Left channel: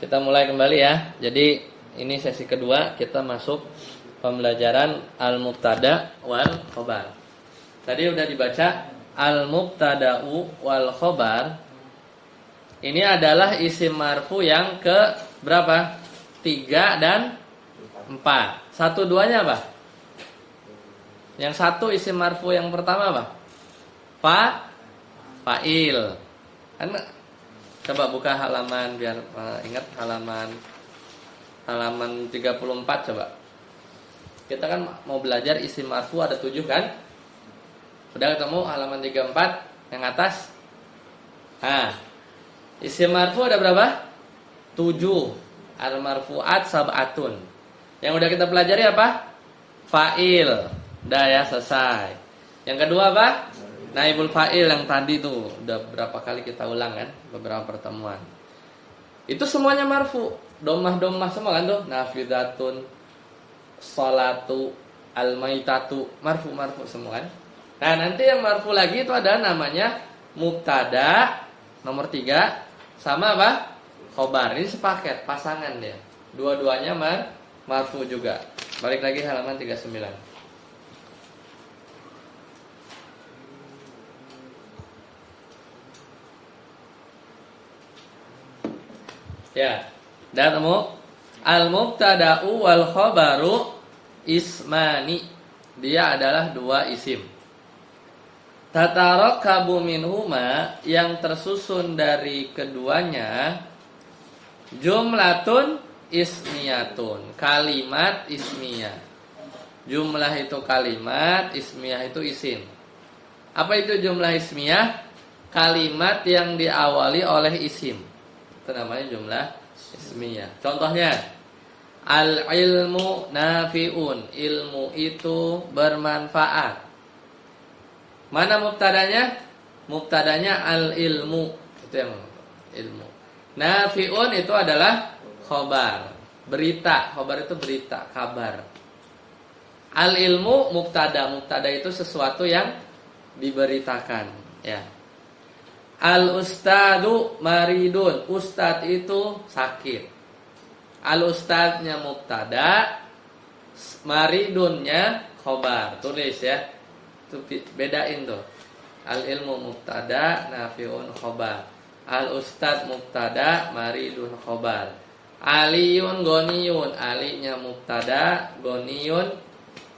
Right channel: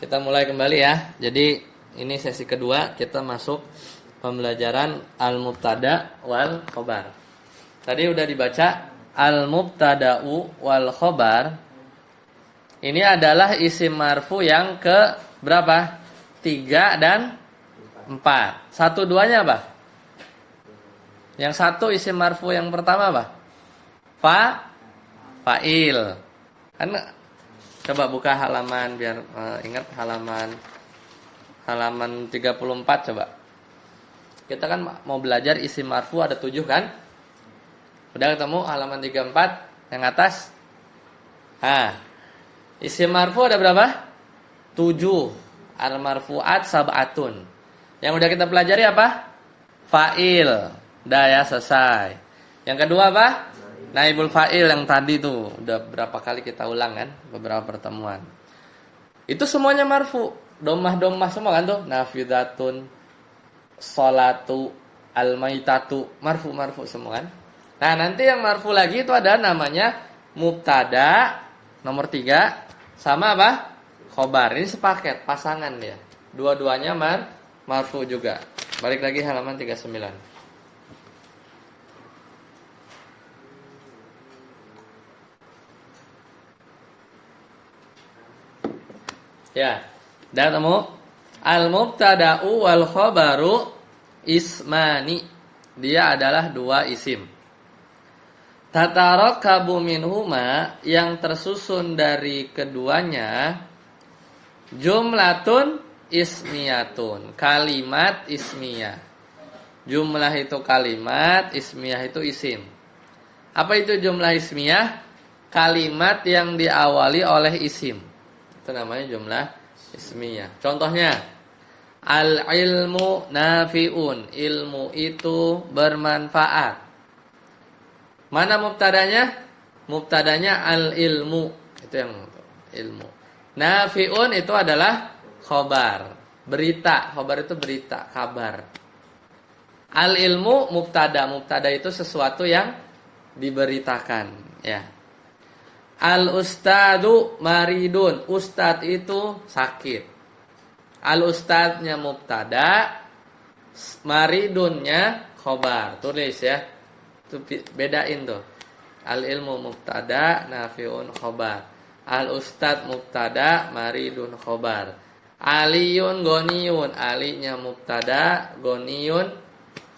Kita mulai kembali ya. Jadi ini sesi kedua, kita masuk pembelajaran al-mubtada wal khobar. Tadi udah dibaca al-mubtada'u wal khobar. Ini adalah isim marfu yang ke berapa? 3 dan 4. Satu duanya apa? Yang satu isim marfu yang pertama apa? Fa'il. Kan coba buka halaman biar ingat halaman 34 coba. Kita kan mau belajar isim marfu ada 7 kan? Udah ketemu halaman 34 yang atas? Nah, isim marfu ada berapa? 7. Al marfuat sab'atun. Yang udah kita pelajari apa? Fa'il. Udah ya, selesai. Yang kedua apa? Naibul fa'il yang tadi tuh udah berapa kali kita ulang kan? Beberapa pertemuan. Itu semuanya marfu. Domah semua kan tuh. Nafidatun, sholatu, al-maitatu, marfu semua kan? Nah, nanti yang marfu lagi itu ada namanya mubtada nomor 3 sama apa? Khobar. Ini sepaket, pasangan dia. Dua-duanya marfu juga. Balik lagi halaman 39. Ya, udah ketemu? Al-mubtada'u wal khobaru ismani. Dia adalah 2 isim. Tatarakabu minhuma, yang tersusun dari keduanya jumlatun ismiyatun, kalimat ismiyah. Jumlah itu kalimat, ismiyah itu isim. Apa itu jumlah ismiyah? Kalimat yang diawali oleh isim. Itu namanya jumlah ismiyah. Contohnya, al-ilmu nafi'un, ilmu itu bermanfaat. Mana mubtadanya? Mubtadanya al-ilmu, itu yang ilmu. Nafi'un itu adalah khobar, berita. Khobar itu berita, kabar. Al-ilmu mubtada. Mubtada itu sesuatu yang diberitakan, ya. Al-ustadu maridun, ustad itu sakit. Al-ustadnya mubtada, maridunnya khobar. Tulis ya. Itu bedain tuh. Al-ilmu mubtada, nafi'un khobar. Al-ustad mubtada, maridun khobar. Aliyun goniyun, alinya mubtada, goniyun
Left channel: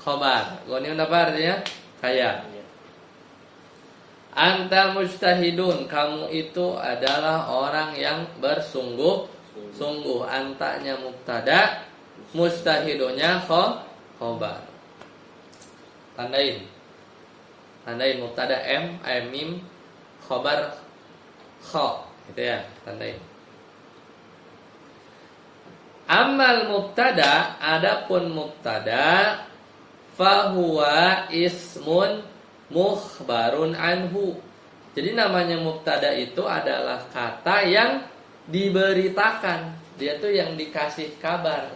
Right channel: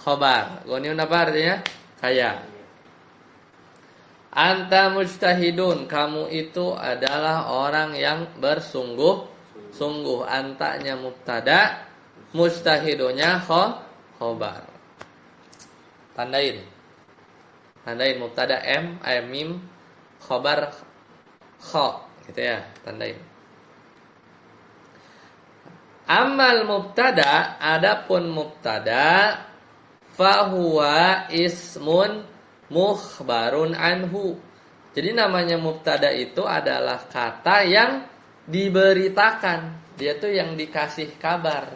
khobar. Goniyun apa artinya? Kaya. Anta mujtahidun, kamu itu adalah orang yang bersungguh-sungguh. Antanya mubtada, mujtahidunya khobar. Tandain mubtada mim, khobar kho, gitu ya, tandain. Amal mubtada, adapun mubtada, fahuwa ismun mukhbarun anhu. Jadi namanya mubtada itu adalah kata yang diberitakan. Dia tuh yang dikasih kabar.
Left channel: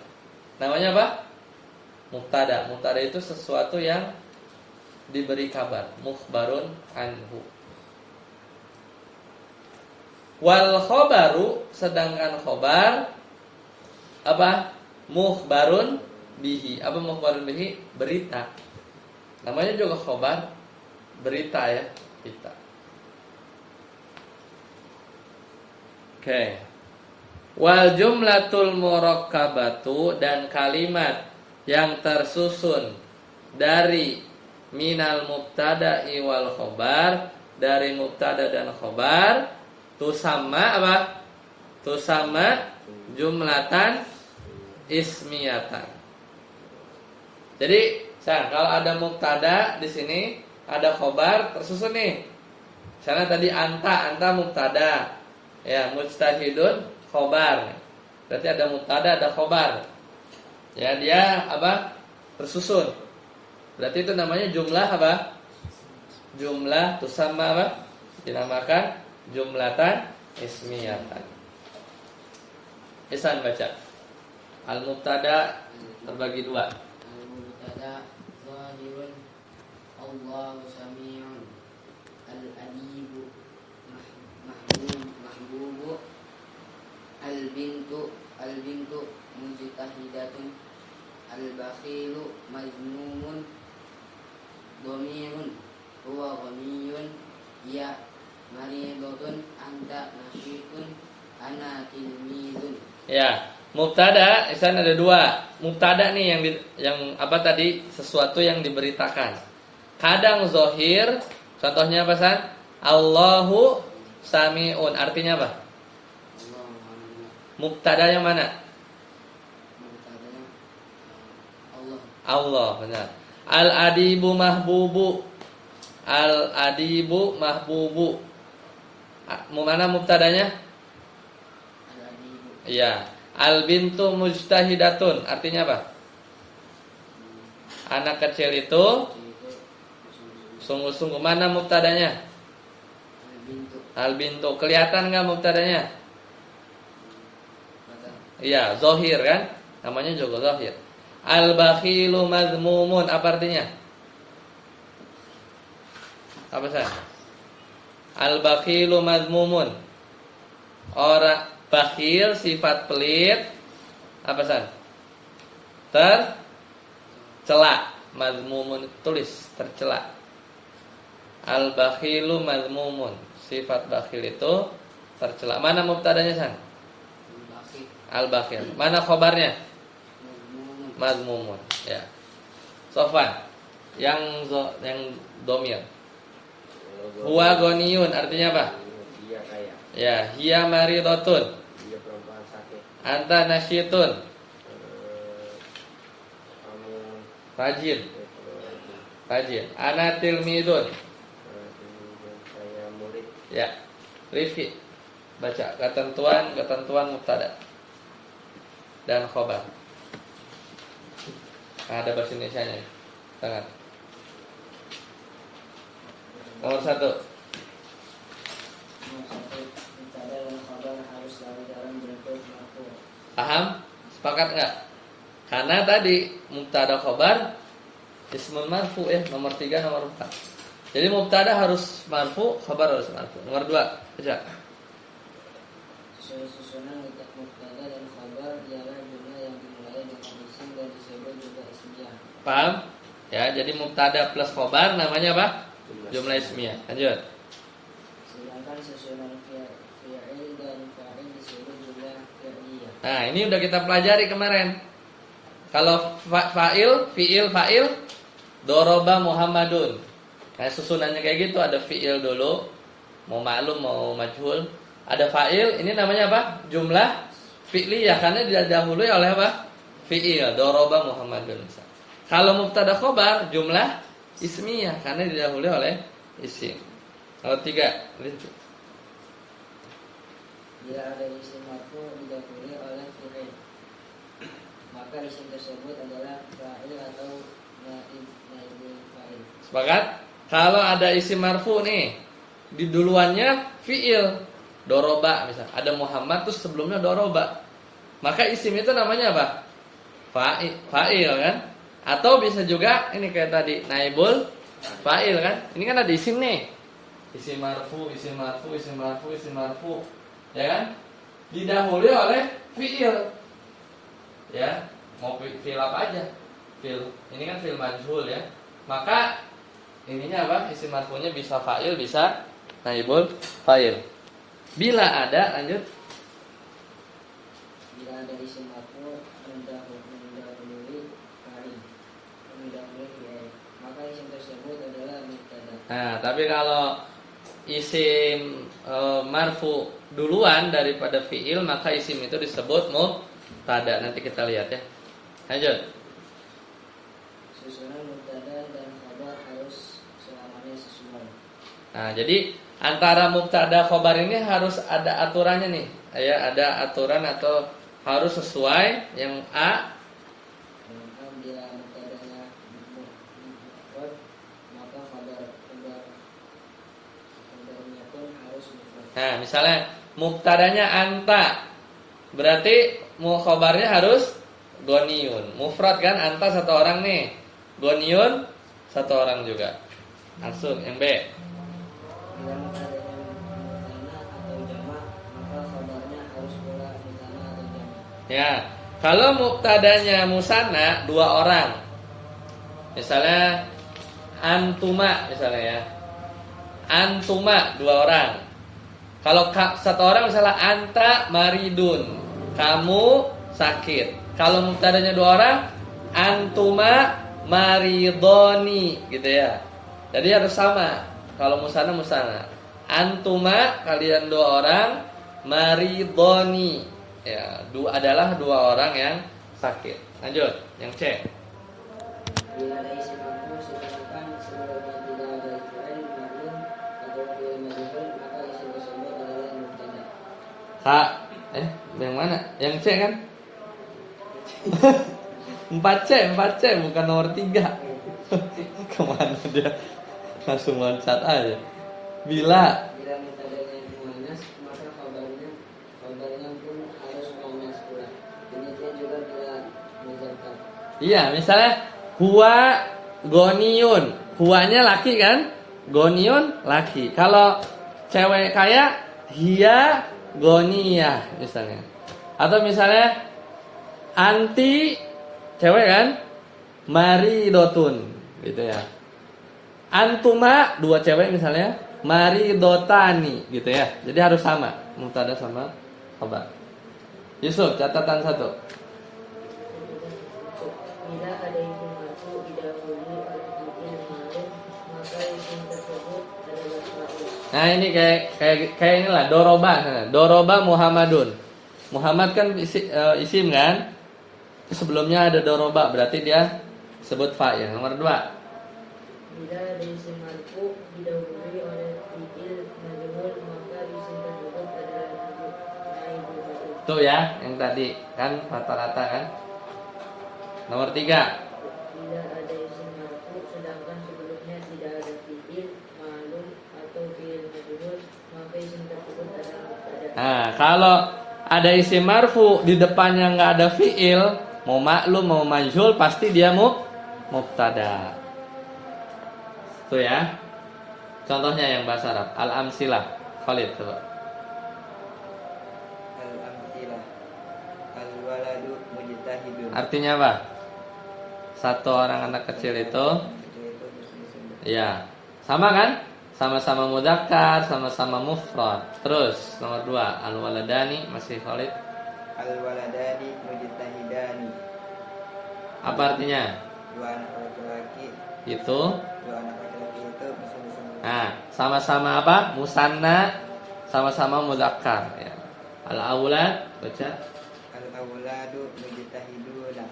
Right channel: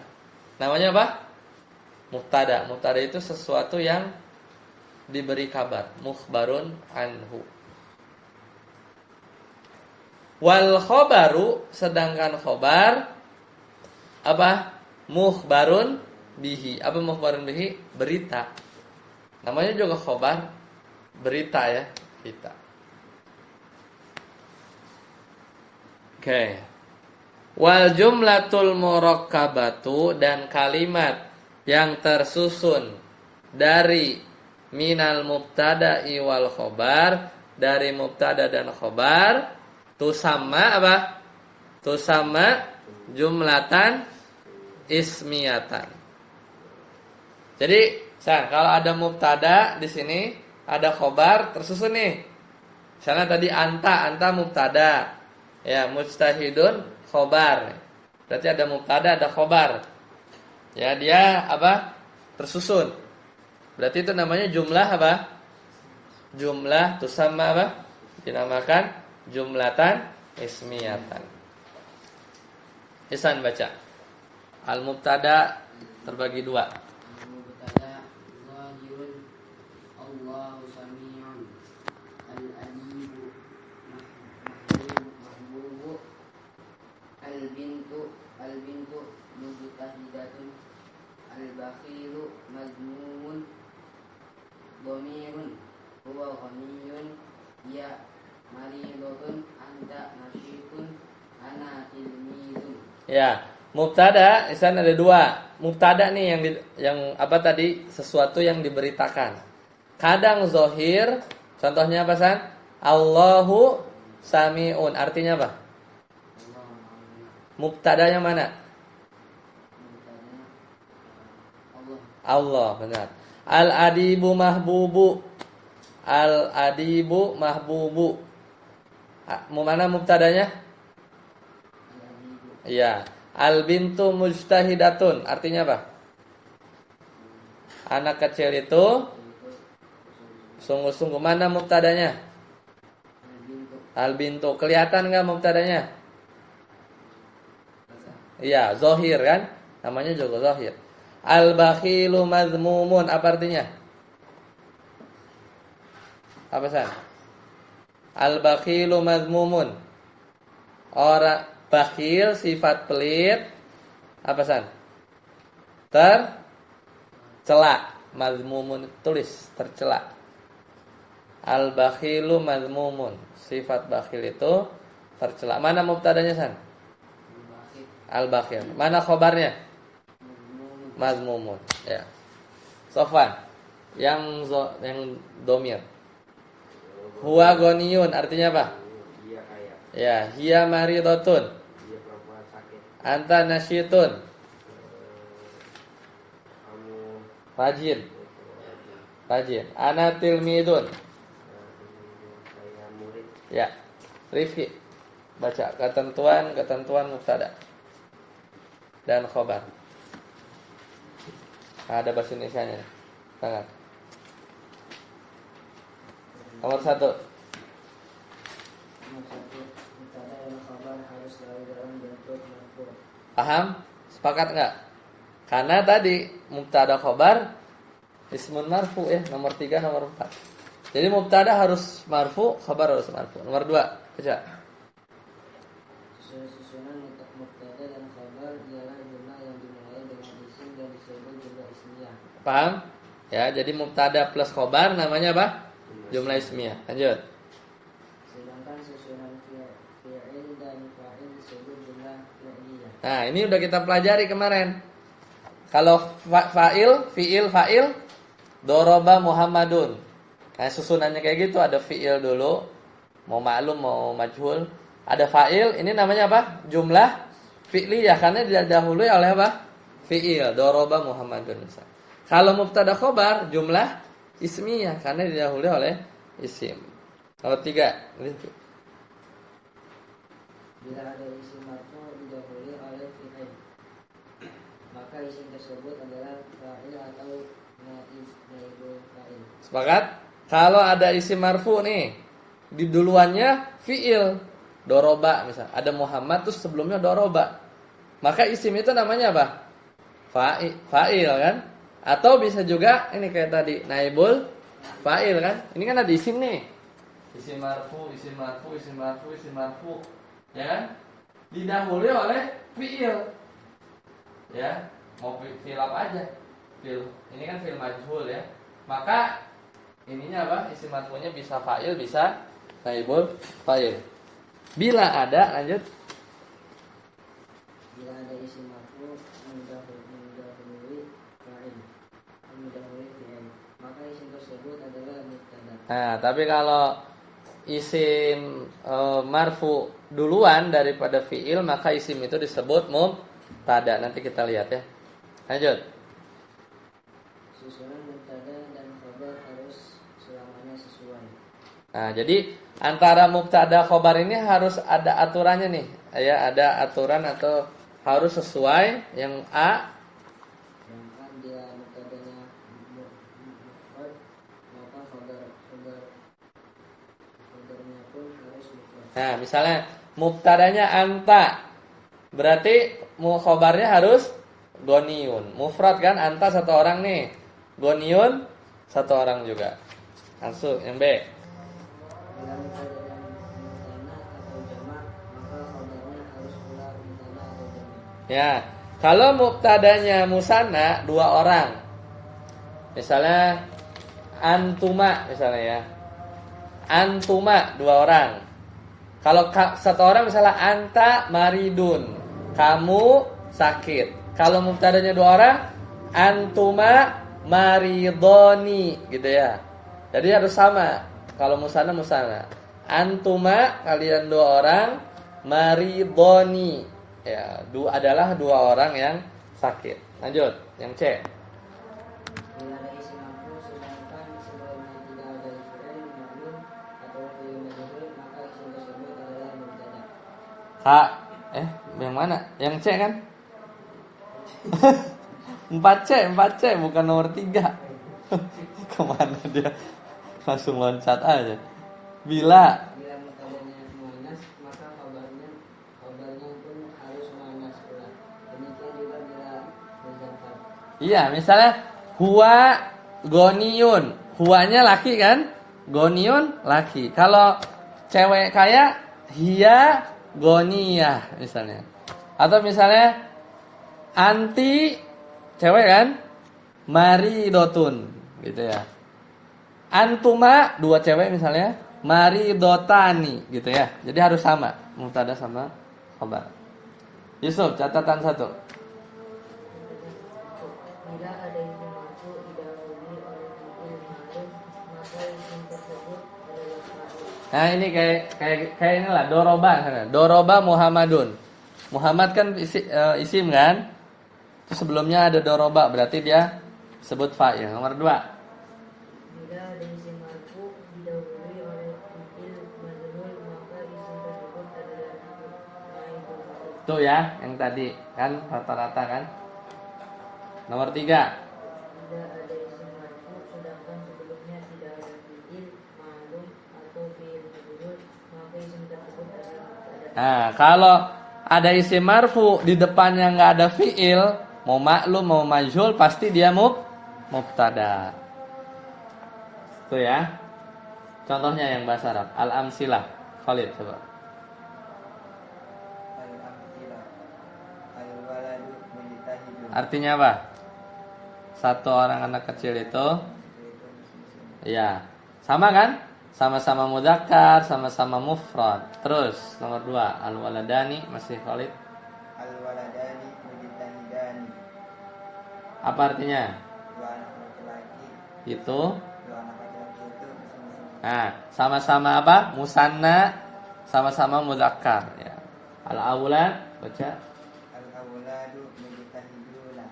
Namanya apa? Mubtada. Mubtada itu sesuatu yang diberi kabar. Mukhbarun anhu. Wal khobaru, sedangkan khobar apa? Mukhbarun bihi. Apa mukhbarun bihi? Berita. Namanya juga khobar, berita ya, berita. Oke. Wal jumlatul murakkabatu, dan kalimat yang tersusun dari minal mubtada'i wal khobar, dari mubtada dan khobar, tusamma apa? Tusamma jumlatan ismiyatan. Jadi, kalau ada mubtada di sini, ada khobar tersusun nih. Misalnya tadi anta mubtada, ya, mujtahidun khobar. Berarti ada mubtada, ada khobar. Ya, dia apa? Tersusun. Berarti itu namanya jumlah apa? Jumlah tusamma apa? Dinamakan jumlatan ismiyatan. Ihsan baca. Al-mubtada terbagi 2. Al-mubtada zahirun, Allahu sami'un. Al-adibu mahbubu, al-bintu mujtahidatun, al-bakhilu mazmumun, dhamirun huwa ghaniyun, ya maridun, anta nasyitun, ana tilmizun. Ya, mubtada, di sana ada dua. Mubtada nih yang apa tadi? Sesuatu yang diberitakan. Kadang zohir, contohnya apa San? Allahu sami'un. Artinya apa? Mubtada yang mana? Allah. Allah, benar. Al-adibu mahbubu. Al-adibu mahbubu. Mana mubtadanya? Al-adibu. Iya. Al-bintu mujtahidatun. Artinya apa? Anak kecil itu sungguh-sungguh. Mana mubtadanya? Al-bintu. Al-bintu. Kelihatan nggak mubtadanya? Kata. Iya, zohir kan? Namanya juga zohir. Al-bakhilu mazmumun. Apa artinya? Apa San? Al-bakhilu mazmumun. Orang bakhil sifat pelit. Apa San? Tercela. Mazmumun tulis tercela. Al-bakhilu mazmumun. Sifat bakhil itu tercela. Mana mubtadanya San? Al-bakhil. Al-bakhil. Mana khobarnya? Mazmumun. Mazmumun. Ya. Sofwan. Yang domir. Huwa goniyun. Artinya apa? Dia kaya. Ya. Hiya maridotun. Dia perempuan sakit. Anta nasyitun. Kamu Rajin. Rajin. Ana tilmidun. saya murid. Ya. Rifi. Baca ketentuan mubtada dan khobar. Ada bahasa Indonesianya nih. Tangan. Nomor 1. Nomor 1, mubtada dan khabar harus selalu dalam bentuk marfu. Paham? Sepakat nggak? Karena tadi mubtada khobar ismun marfu ya. Nomor 3, nomor 4. Jadi mubtada harus marfu, khobar harus marfu. Nomor 2. Baca. Susunan mubtada dan khabar ialah jumlah yang dimulai dengan isim dan disebut juga ismiyah. Paham? Ya, jadi mubtada plus khobar namanya apa? Jumlah ismiyah. Lanjut. Sedangkan susunan fi'il dan fa'il disebut jumlah fi'liyah. Nah, ini udah kita pelajari kemarin. Kalau fa'il, doroba Muhammadun. Nah, susunannya kayak gitu, ada fi'il dulu, mau maklum, mau majhul. Ada fa'il, ini namanya apa? Jumlah fi'liyah, karena didahului oleh apa? Fi'il, doroba Muhammadun. Kalau mubtada khobar, jumlah ismiyah, karena didahului oleh isim. Nomor 3. Bila ada isim marfu didahului oleh fi'il, maka isim tersebut adalah fa'il atau naibul fa'il. Sepakat? Kalau ada isim marfu nih, di duluannya fi'il, doroba misal. Ada Muhammad terus sebelumnya doroba. Maka isim itu namanya apa? Fa'il kan? Atau bisa juga ini kayak tadi naibul fa'il kan? Ini kan ada isim nih. Isim marfu, isim marfu, isim marfu, isim marfu. Ya kan? Didahului oleh fi'il. Ya, mau fi'il apa aja? Fi'il. Ini kan fi'il majhul ya. Maka ininya apa? Isim marfunya bisa fa'il, bisa naibul fa'il. Bila ada, lanjut. Bila ada isim marfu mendahului fa'il, maka isim tersebut adalah mubtada. Nah, tapi kalau isim marfu duluan daripada fi'il, maka isim itu disebut mubtada. Nanti kita lihat ya. Lanjut. Susunan mubtada dan khabar harus selamanya sesuai. Nah, jadi antara mubtada khobar ini harus ada aturannya nih. Ya, ada aturan atau harus sesuai. Yang A, Yang A, bila mubtadanya mufrad, maka khabarnya pun harus mufrad. nah misalnya mubtadanya anta, berarti khobarnya harus goniun. Mufrad kan, anta satu orang nih, goniun satu orang juga. Langsung yang B. Bila mubtadanya mutanna atau jamak, maka khabarnya harus pula mutanna Ya, kalau mubtadanya musanna dua orang. Misalnya antuma misalnya ya. Antuma dua orang. Kalau satu orang misalnya anta maridun, kamu sakit. Kalau mubtadanya dua orang, antuma maridoni gitu ya. Jadi harus sama. Kalau musanna antuma kalian dua orang, maridoni ya, adalah dua orang yang sakit. Lanjut, yang C. Bila ada isim marfu sedangkan sebelumnya tidak ada fi'il ma'lum atau fi'il majhul, maka isim tersebut adalah mubtada. Kak, yang mana? Yang C kan? 4C bukan nomor 3. Kemana dia? Langsung loncat aja. Bila Mubtadanya muannas, maka kabarnya pun harus muannas pula. Demikian juga bila muzakkar. iya, misalnya huwa goniun, huwanya laki kan? Goniun laki. Kalau cewek kaya, hiya goniyah misalnya. Atau misalnya anti cewek kan? Maridotun gitu ya. Antuma dua cewek misalnya, maridotani gitu ya. Jadi harus sama mubtada sama khabar. Yusuf, catatan 1. Bila ada isim marfu didahului oleh fi'il ma'lum, maka isim tersebut adalah fa'il. Nah, ini kayak inilah doroba. Doroba Muhammadun. Muhammad kan isim kan? Terus sebelumnya ada doroba, berarti dia sebut fa'il. Nomor 2. Bila ada isim marfu didahului oleh fi'il majhul, maka isim tersebut adalah naibul fa'il. Tuh ya, yang tadi kan rata-rata kan. Nomor 3. Bila ada isim marfu sedangkan sebelumnya tidak ada fi'il ma'lum atau fi'il majhul, maka isim tersebut adalah mubtada. Nah, kalau ada isim marfu di depannya nggak ada fi'il, mau maklum mau majhul pasti dia mubtada. Tuh ya. Contohnya yang bahasa Arab, al-amsilah. Khalid coba. Al-amtilah. Al-waladu mujtahidun. Artinya apa? Satu orang anak kecil itu ya, sama kan? Sama-sama mudzakkar, sama-sama mufrad. Terus nomor 2, al-waladani masih Khalid. Al-waladani mujtahidani. Apa artinya? Dua anak laki-laki. Itu. Dua anak laki-laki itu bersama-sama. Nah, sama-sama apa? Musanna, sama-sama mudzakkar ya. Al-aulad baca. Al-awladu mujtahiduna.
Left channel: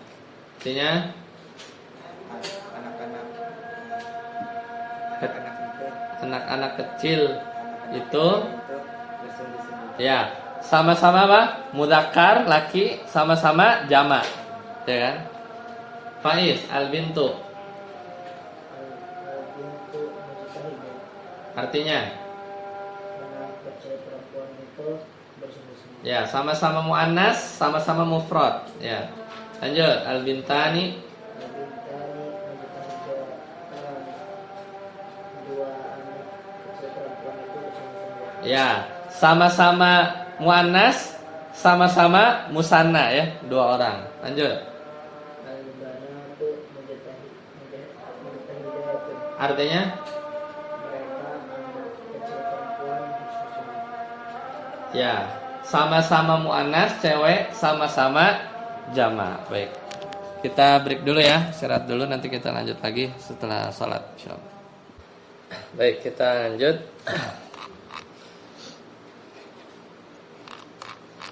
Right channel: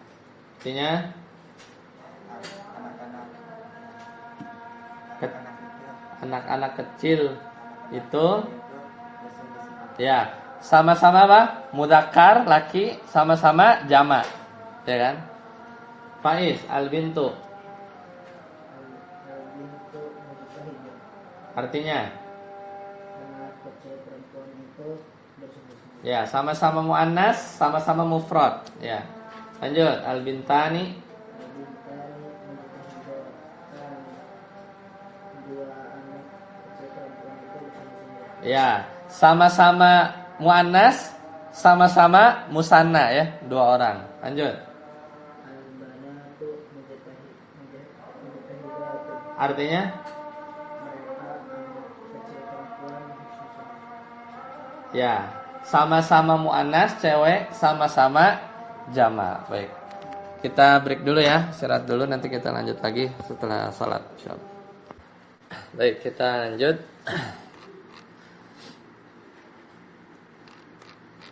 Artinya anak-anak kecil itu bersungguh-sungguh. ya, sama-sama apa? Mudzakkar laki, sama-sama jamak. Ya kan? Faiz, al-bintu. Al-bintu mujtahidah. Artinya Anak kecil perempuan itu bersungguh-sungguh. ya, sama-sama muannas, sama-sama mufrad. Ya. Lanjut, al-bintani. Al-bintani mujtahidah. Dua anak kecil perempuan itu bersungguh-sungguh. Ya, sama-sama muannas, sama-sama musanna ya, dua orang. Lanjut. Al-banatu mujtahidatun. Artinya Mereka anak kecil perempuan bersungguh-sungguh. ya, sama-sama muannas cewek, sama-sama jamak. Baik. Kita break dulu ya, istirahat dulu, nanti kita lanjut lagi setelah sholat insyaallah. Baik, kita lanjut.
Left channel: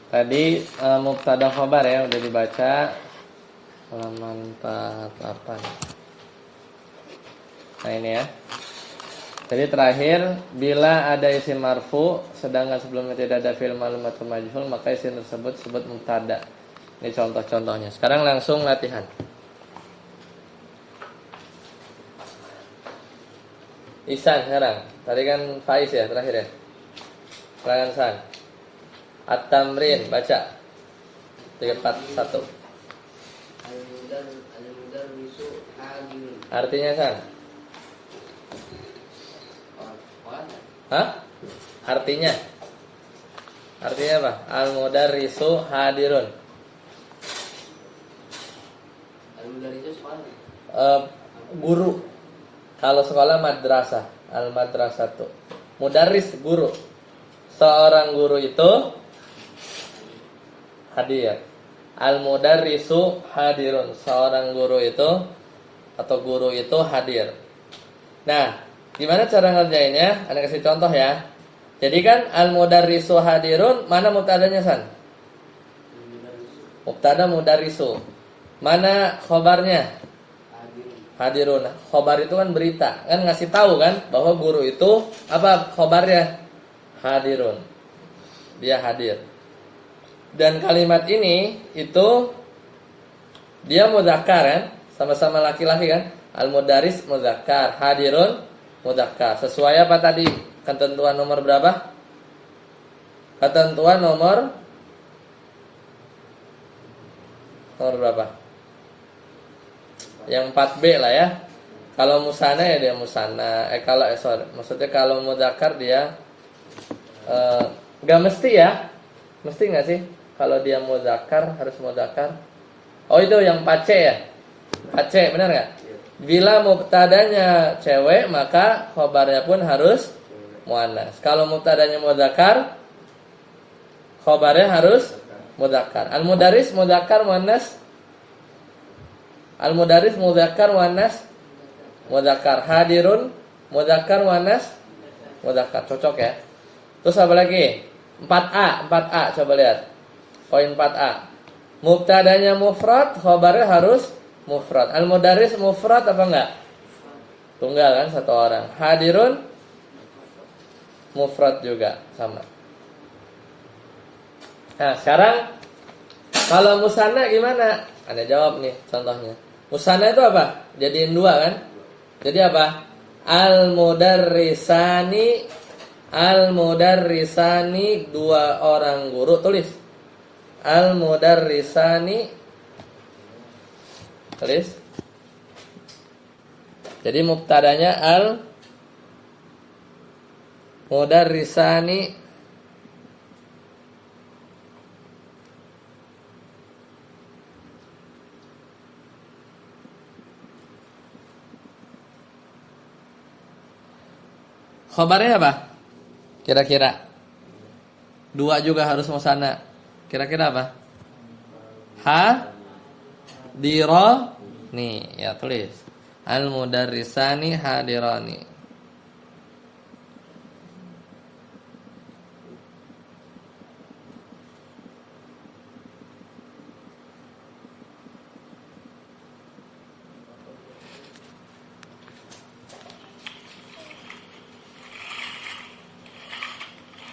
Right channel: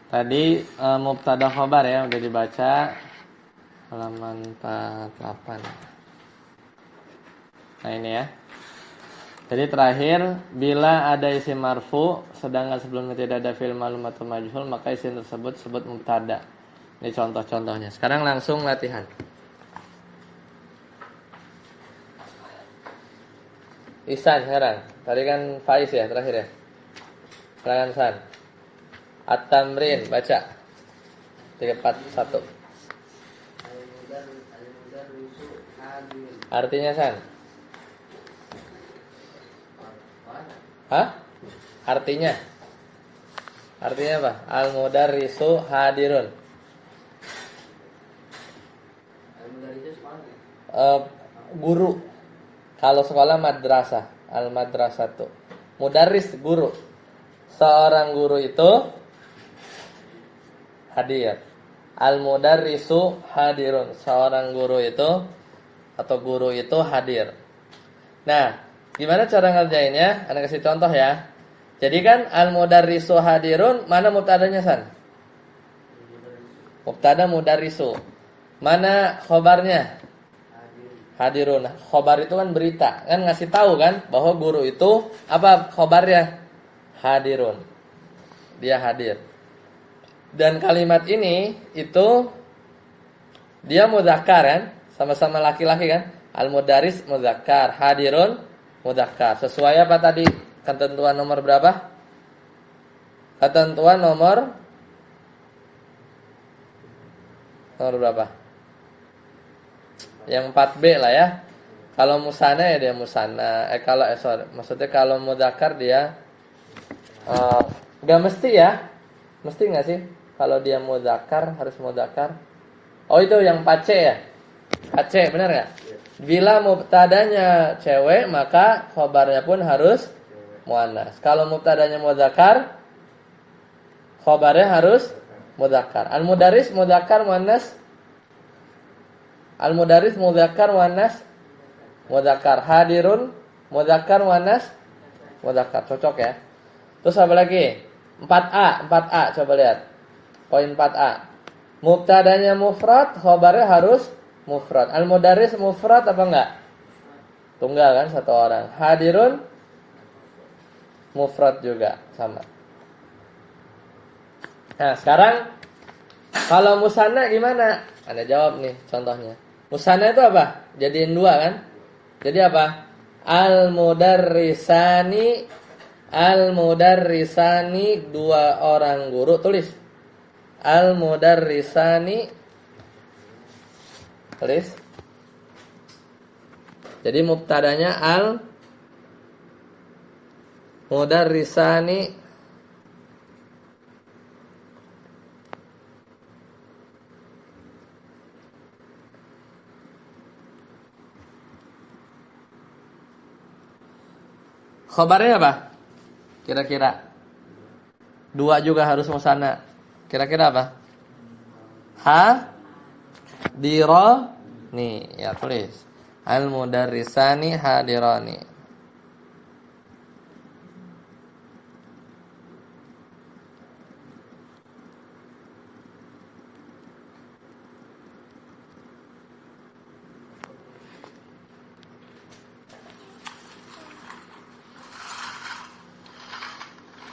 Tadi mubtada khabar ya udah dibaca halaman 48. Nah ini ya. Jadi terakhir, bila ada isim marfu sedangkan sebelumnya tidak ada fi'il ma'lum atau majhul, maka isim tersebut disebut mubtada. Ini contoh-contohnya. Sekarang langsung latihan. Ihsan sekarang. Tadi kan Faiz ya terakhir ya. Sekarang San. At-tamrin baca 341. Al-mudarrisu hadir. Artinya San? Hah? Artinya? Artinya apa? Al-mudarrisu hadirun. guru. Kalau sekolah madrasah, al madrasatu. Mudarris guru. Seorang guru itu hadir. Al mudarrisu hadirun. Seorang guru itu atau guru itu hadir. Nah, gimana cara ngerjainnya? Anda kasih contoh ya. Jadi kan al mudarrisu hadirun, mana mubtadanya San? Mubtada mudarrisu. Mana khobarnya? Hadirun. Khobar itu kan berita, kan ngasih tahu kan bahwa guru itu apa khobarnya? Hadirun. Dia hadir. Dan kalimat ini itu dia mudzakkar kan? Sama-sama laki-laki kan? Al-mudaris mudzakkar, hadirun mudzakkar. Sesuai apa tadi? Ketentuan nomor berapa? Ketentuan nomor berapa? Yang 4B lah ya. Kalau musana ya dia musana. Maksudnya kalau mudzakkar dia nggak mesti ya. Mesti nggak sih? Kalau dia mudzakkar harus mudzakkar. Oh itu yang 4C ya. 4C benar nggak? Bila mubtadanya cewek maka khobarnya pun harus muannas. Kalau mubtadanya mudzakkar khobarnya harus mudzakkar. Al-mudarris mudzakkar muannas. Al-mudarris mudzakkar muannas mudzakkar. Hadirun mudzakkar muannas mudzakkar. Cocok ya. Terus apa lagi? 4A coba lihat. Poin 4A. Mubtadanya mufrad, khabarnya harus mufrad. Al-mudarris mufrad apa enggak? Tunggal kan satu orang. Hadirun mufrad juga sama. Nah, sekarang kalau musanna gimana? Anda jawab nih contohnya. Musanna itu apa? Jadiin dua kan? Jadi apa? Al-mudarrisani dua orang guru. Tulis. Al-mudarrisani. Tulis. Jadi mubtadanya al-mudarrisani. Khobarnya apa? Kira-kira. Dua juga harus musanna. Kira-kira apa? Hadirani. Ya tulis. Al-mudarrisani hadirani.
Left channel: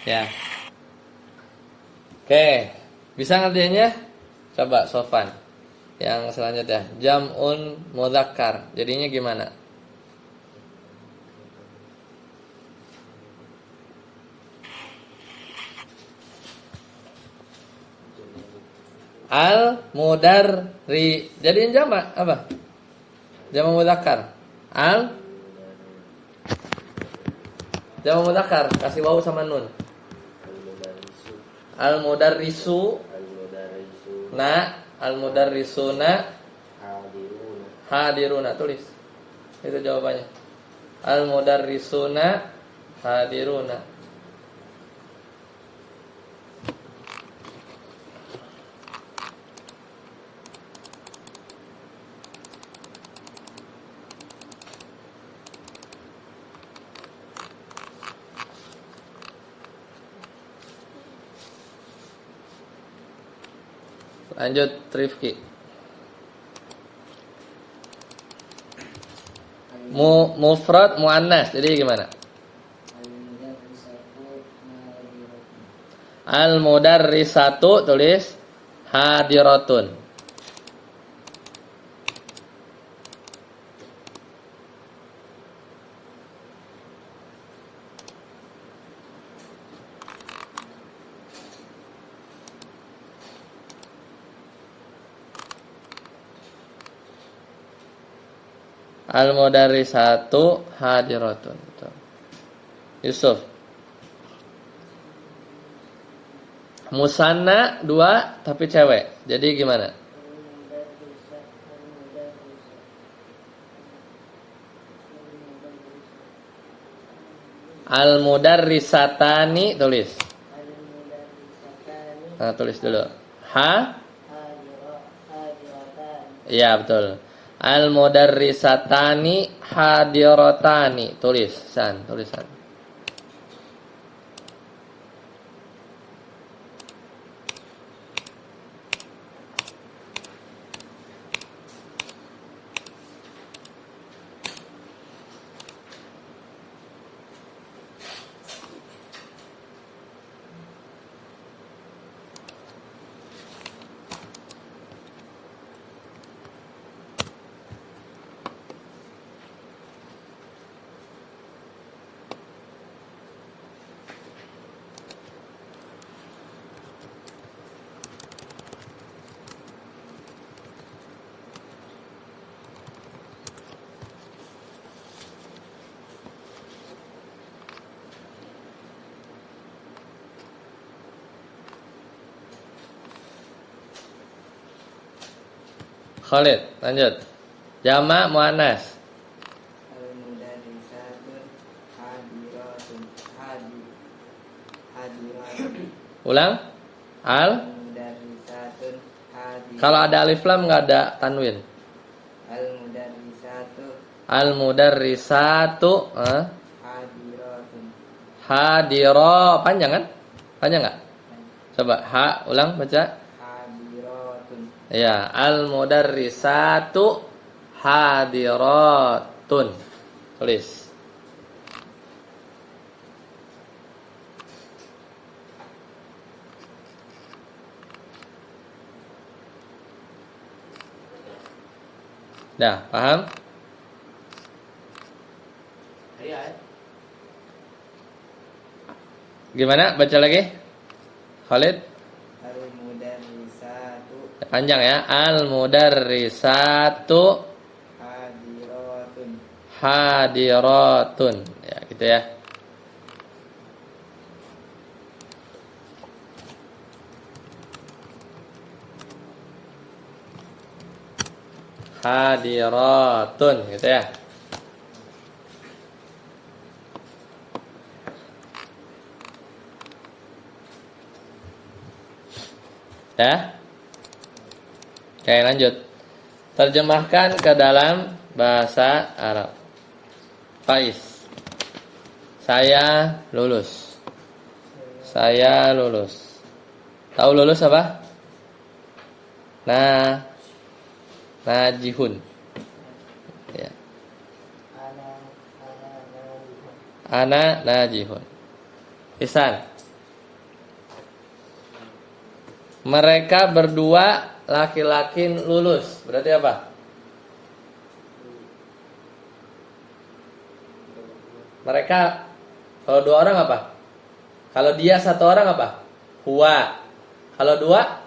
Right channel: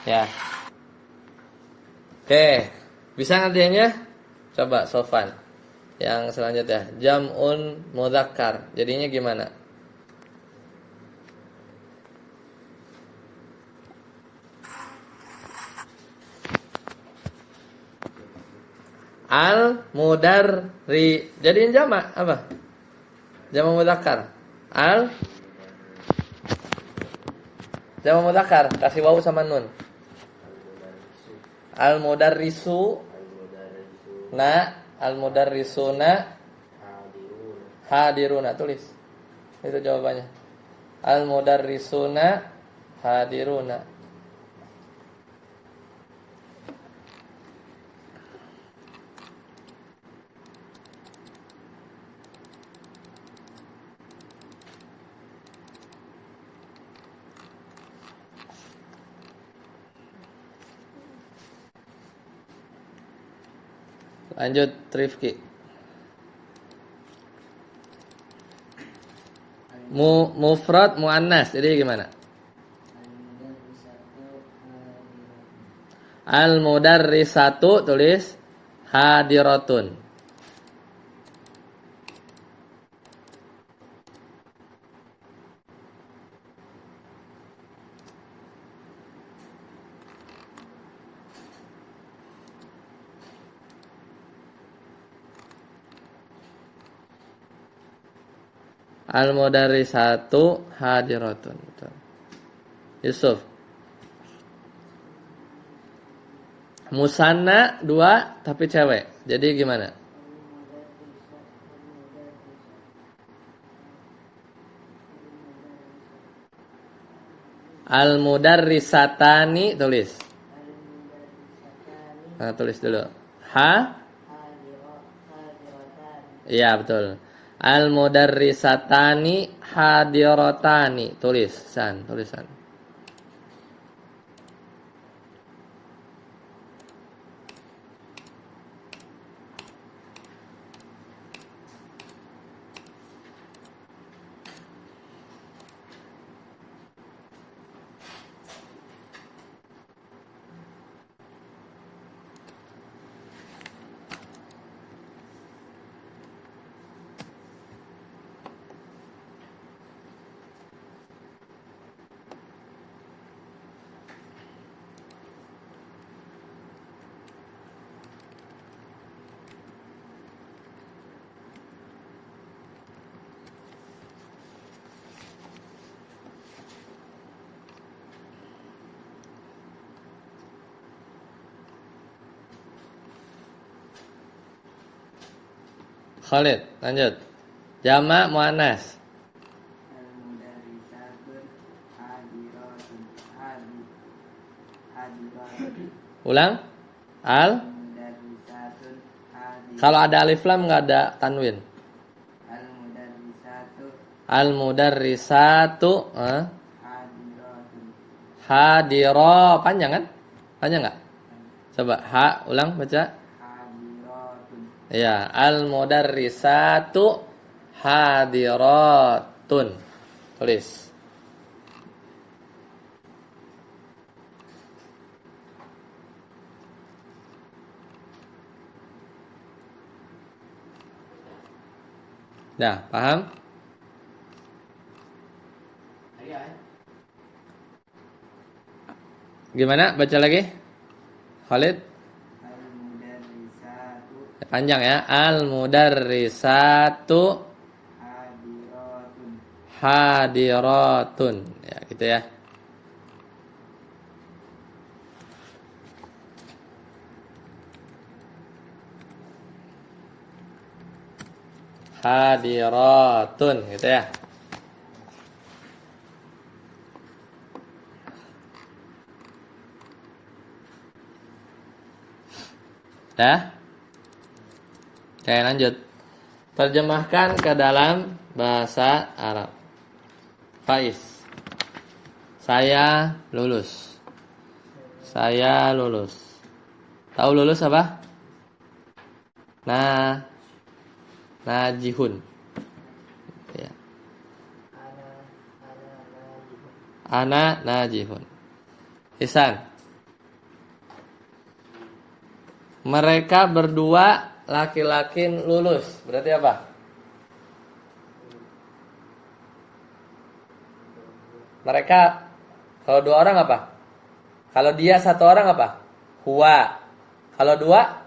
Ya. Oke. Bisa ngerjainnya? Coba Sofan. Yang selanjutnya, jam'un mudzakkar. Jadinya gimana? Al-mudarri. Jadiin jamak apa? Jamak mudzakkar. Jamak mudzakkar, kasih wawu sama nun. Al-mudarrisu al-mudarrisuna hadiruna. Tulis. Itu jawabannya. Al-mudarrisuna hadiruna. Lanjut Rifki. Mufrad muannas. Jadi gimana? Al-mudarrisatu tulis hadiratun. Al-mudarrisatu hadiratun. Yusuf. Musanna dua tapi cewek. Jadi gimana? Al-mudarrisatani tulis. Al-mudarrisatani Nah, tulis dulu. Ha? hadiratan. Iya, betul. Al-mudarrisatani hadiratani. Tulis, San, tulisan. Khalid, lanjut. Jamak muannas. Al-mudarrisatun hadiratun hadiratun. Ulang. Al. Al-mudarrisatun Kalau ada alif lam nggak ada tanwin. Al-mudarrisatu Al-mudarrisatu hadiratun. hadiro. Panjang kan? Panjang nggak? Coba ha, ulang baca. Hadiratun. Ya, al-mudarrisatu hadiratun. Tulis. Dah, paham? Gimana? Baca lagi. Khalid. Al-mudarrisatu Panjang ya. Al-mudarrisatu hadiratun. hadiratun. Ya, gitu ya. Hadiratun, gitu ya. Ya. Oke, lanjut. Terjemahkan ke dalam bahasa Arab. Faiz. Saya lulus. Saya lulus. Tahu lulus apa? Nah, najihun. Ya. Ana najihun. Ihsan. Mereka berdua laki-laki lulus. Berarti apa? Mereka kalau dua orang apa? Kalau dia satu orang apa? Huwa. Kalau dua?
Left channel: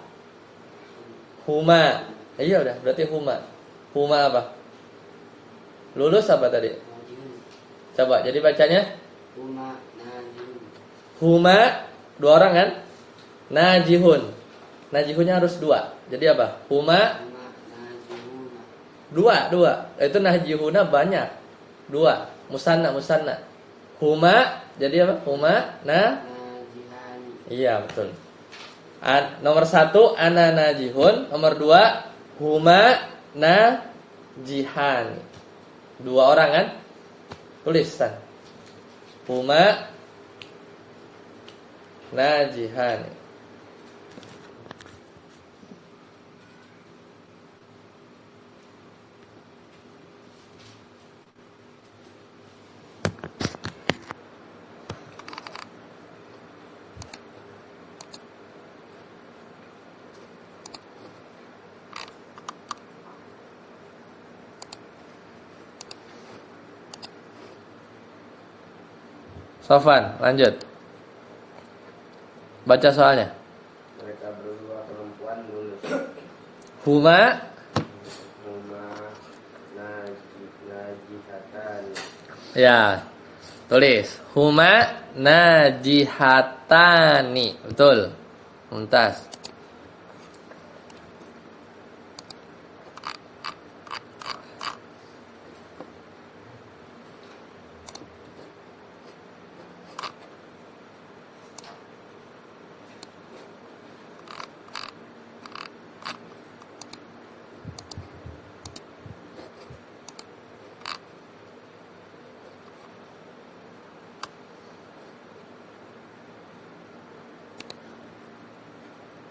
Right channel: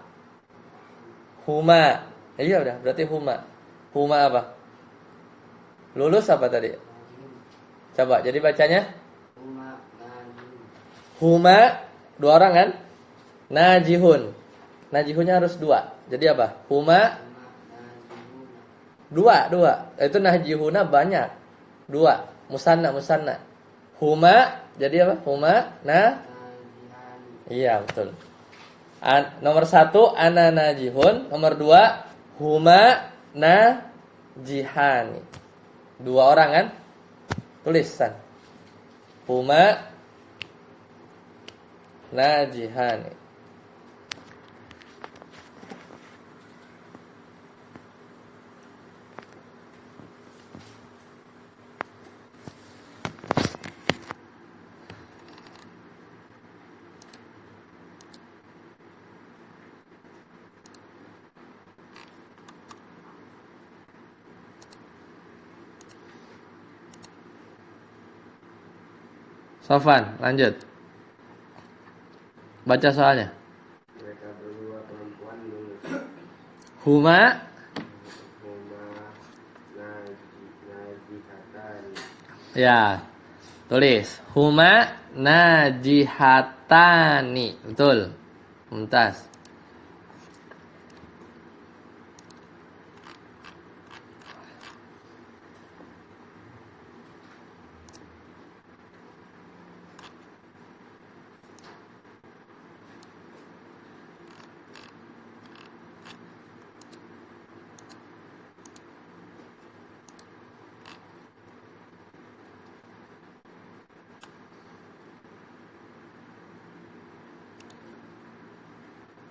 Huma. Iya udah, berarti huma. Huma apa? Lulus apa tadi? Coba, jadi bacanya? Huma, dua orang kan? Najihun. Najihunnya harus dua. Jadi apa? Huma dua. Itu najihuna banyak. Dua. Musanna. Huma, jadi apa? Huma iya, betul. Nomor satu ana najihun. Nomor dua huma najihani. Dua orang kan? Tulisan. Huma najihani. Sofan, lanjut. Baca soalnya. Mereka berdua perempuan lulus. Huma najihatan. ya. Tulis. Huma najihatani. Betul. Mumtaz.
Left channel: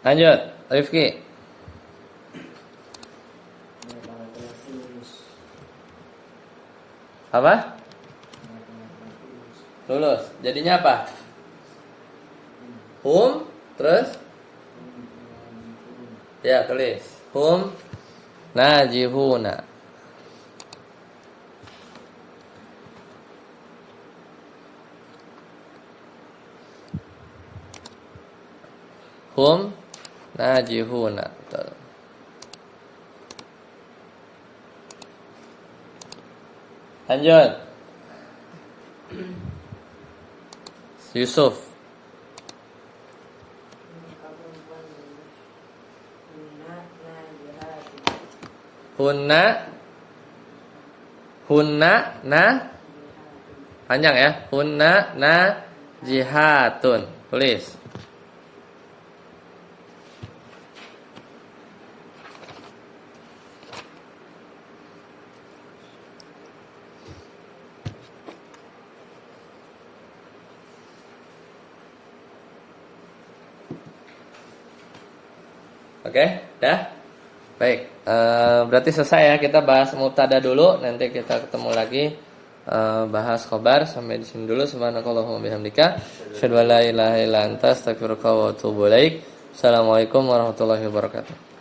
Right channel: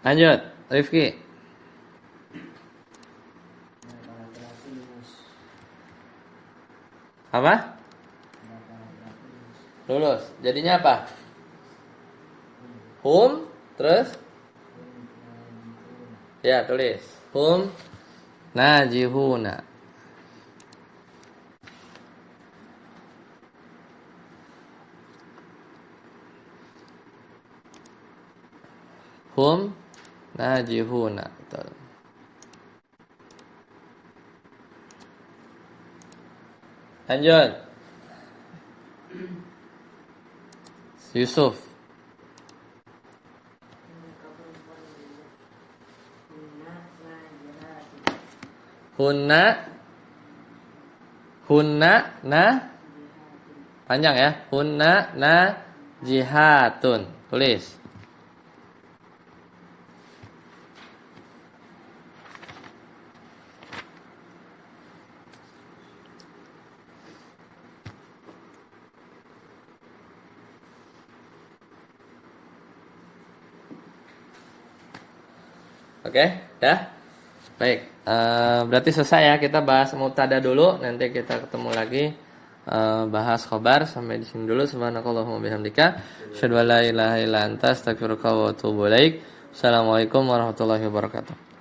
Lanjut, Rifki. Mereka laki-laki lulus. Apa? Mereka laki-laki lulus. Lulus. Jadinya apa? Hum, terus? Ya, tulis. Hum najihuna. Hum najihuna. Betul. Lanjut. Yusuf. Hunna hunna na panjang ya. Hunna na jihatun. Tulis. Oke, dah. Baik, berarti selesai ya, kita bahas mubtada dulu, nanti kita ketemu lagi bahas khobar. Sampai di sini dulu. Subhanakallahumma bihamdika asyhadu an la ilaha illa anta astaghfiruka wa atubu ilaik. Assalamualaikum warahmatullahi wabarakatuh.